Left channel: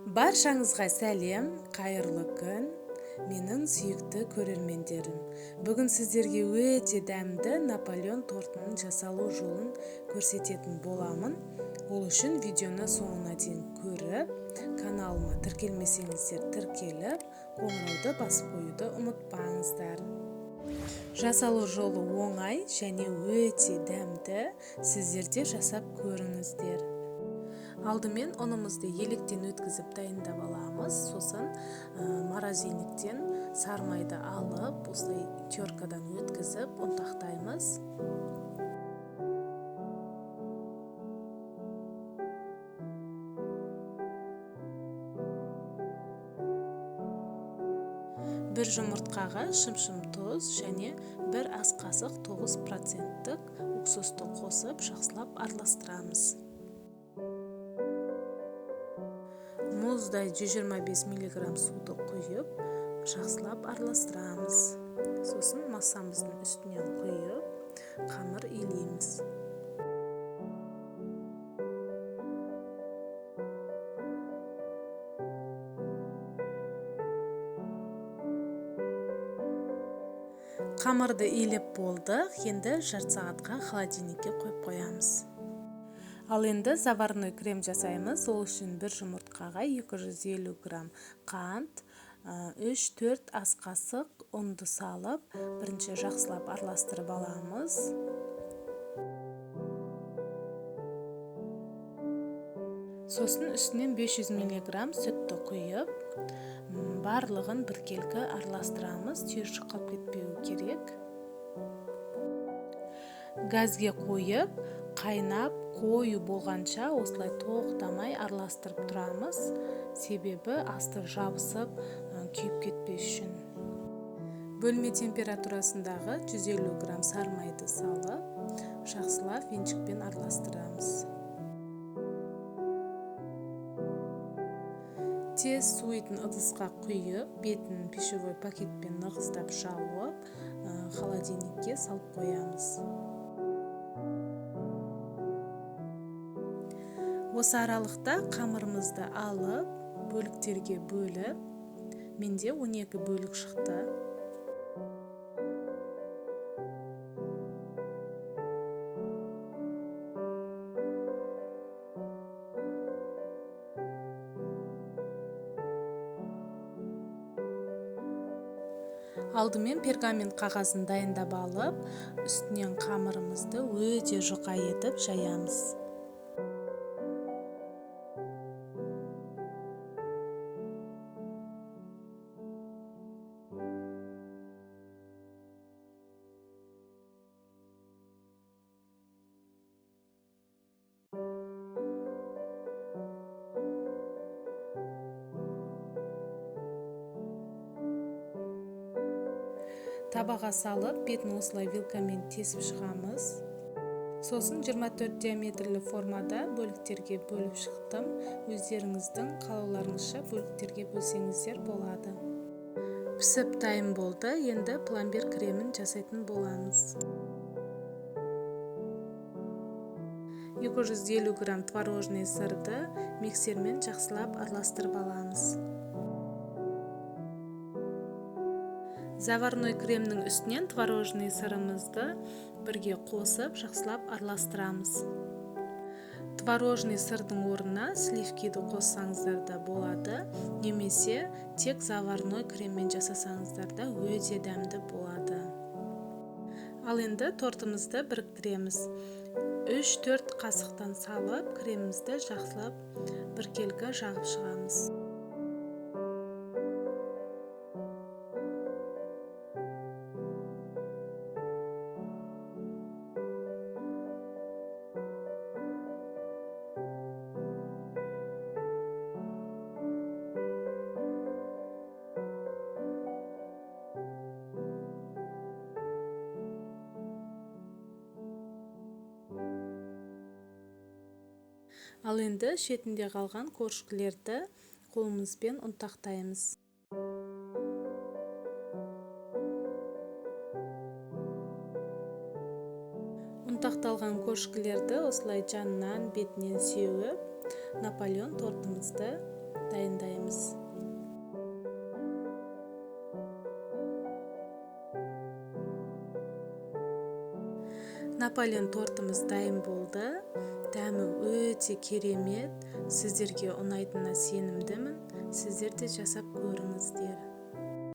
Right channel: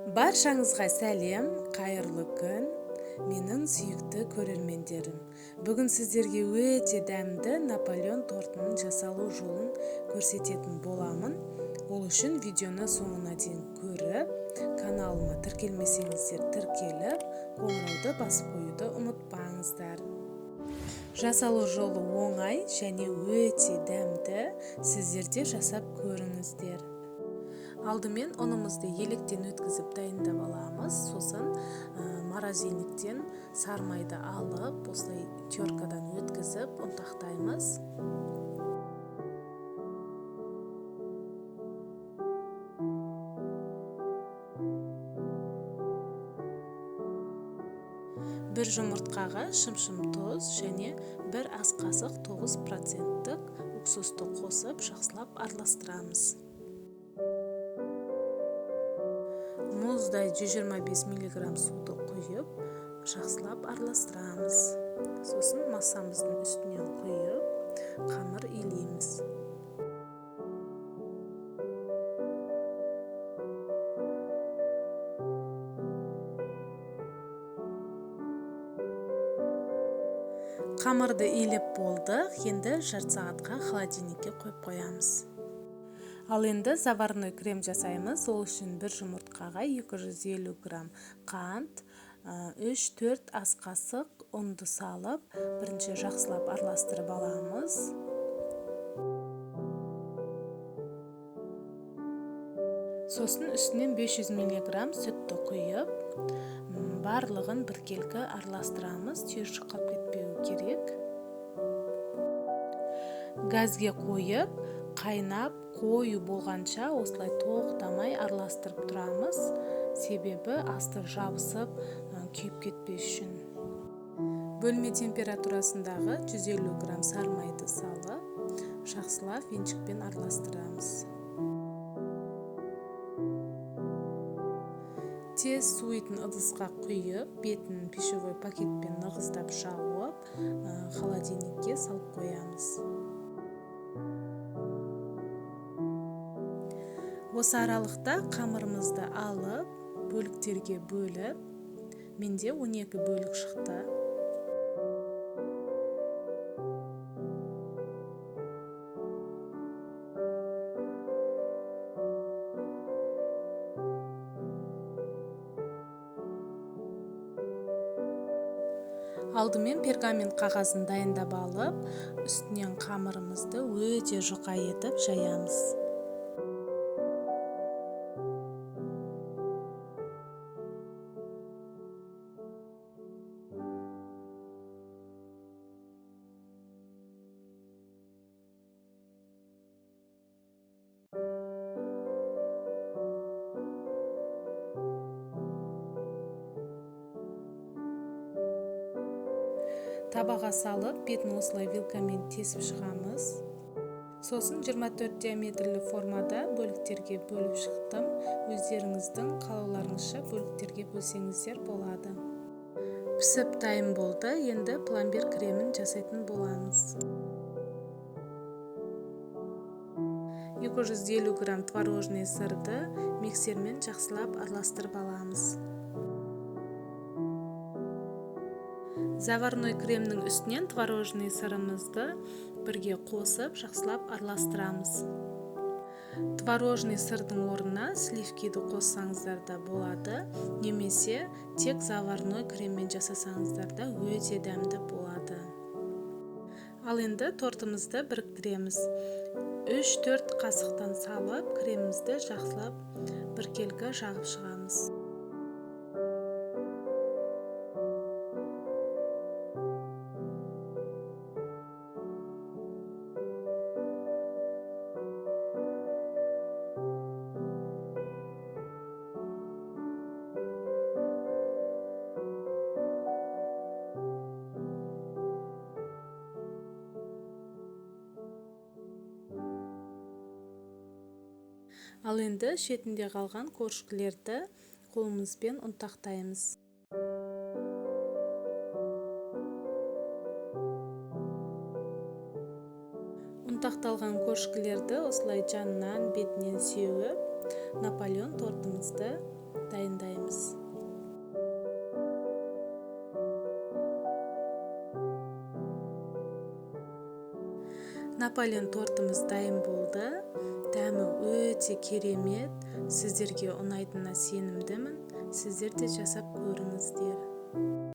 Баршаңызға сәлем, қайырлы күн, менің сүйікті көрермендерім. Бүгін сіздерге өте дәмді Наполеон тортының жасалу жолын көрсететін боламын. Ол үшін видеоны соңына дейін көріп, каналыма тіркелмесеңіздер тіркеліп, қоңырауды басып қоюды ұмытпаңыздар. Жасалу жолы оңай және өте дәмді, сіздер де жасап көріңіздер. Алдымен ұнымызды електен өткізіп дайындап аламыз. Сосын морозильниктен сармайды алып, осылай теркадан өткізіп ұнтақтаймыз. Бір жұмыртқаға шым-шым тұз және бір ас қасық 9%-тік уксусты қосып, жақсылап араластырамыз. Мұздай 125 мг суды құйып, жақсылап араластырамыз. Сосын массамыздың үстінен құйып, қамыр илейміз. Қамырды илеп болдық, енді жарты сағатқа холодильникке қойып қоямыз. Ал енді заварной крем жасаймыз. Ол үшін бір жұмыртқаға 250 грамм қант, 3-4 ас қасық ұнды салып, бірінші жақсылап араластырып аламыз. Сосын үстінен 500 мг сүтті құйып, барлығын біркелкі араластырамыз, түйіршік қалып кетпеу керек. Газге қойып, қайнап, қою болғанша осылай тоқтамай араластырып тұрамыз, себебі асты жабысып, күйіп кетпес үшін. Бөлме температурасындағы 150 грамм сармайды салып, жақсылап венчикпен араластырамыз. Тез суитын ыдысқа құйып, бетін пищевой пакетпен нығыздап жауып, холодильникке салып қоямыз. Осы аралықта қамырымызды алып, бөліктерге бөліп, менде 12 бөлік шықты. Алдымен пергамент қағазын дайындап алып, үстінен қамырымызды өте жұқа етіп жаямыз. Табаға салып, бетін осылай вилкамен тесіп шығамыз. Сосын 24 диаметрлі формада бөліктерге бөліп шықтым. Өздеріңіздің қалауларыңызша бөліктерге бөлсеңіздер болады. Пісіп дайын болды, енді пломбир кремін жасайтын боламыз. 250 грамм творожный сырды миксермен жақсылап араластырып аламыз. Заварной кремнің үстінен творожный сырымызды бірге қосып, жақсылап араластырамыз. Творожный сырдың орнына сливкиді қоссаңыздар да болады, немесе тек заварной креммен жасасаңыздар да өте дәмді болады. Ал енді тортымызды біріктіреміз. 3-4 қасықтан салып, кремімізді жақсылап біркелкі жағып шығамыз. Ал енді шетінде қалған коржкілерді қолымызбен ұнтақтаймыз. Ұнтақталған коржкілерді осылай жанынан, бетінен сеуіп, Наполеон тортымызды дайындаймыз. Наполеон тортымыз дайын болды. Дәмі өте керемет. Сіздерге ұнайтынына сенімдімін. Сіздер де жасап көріңіздер.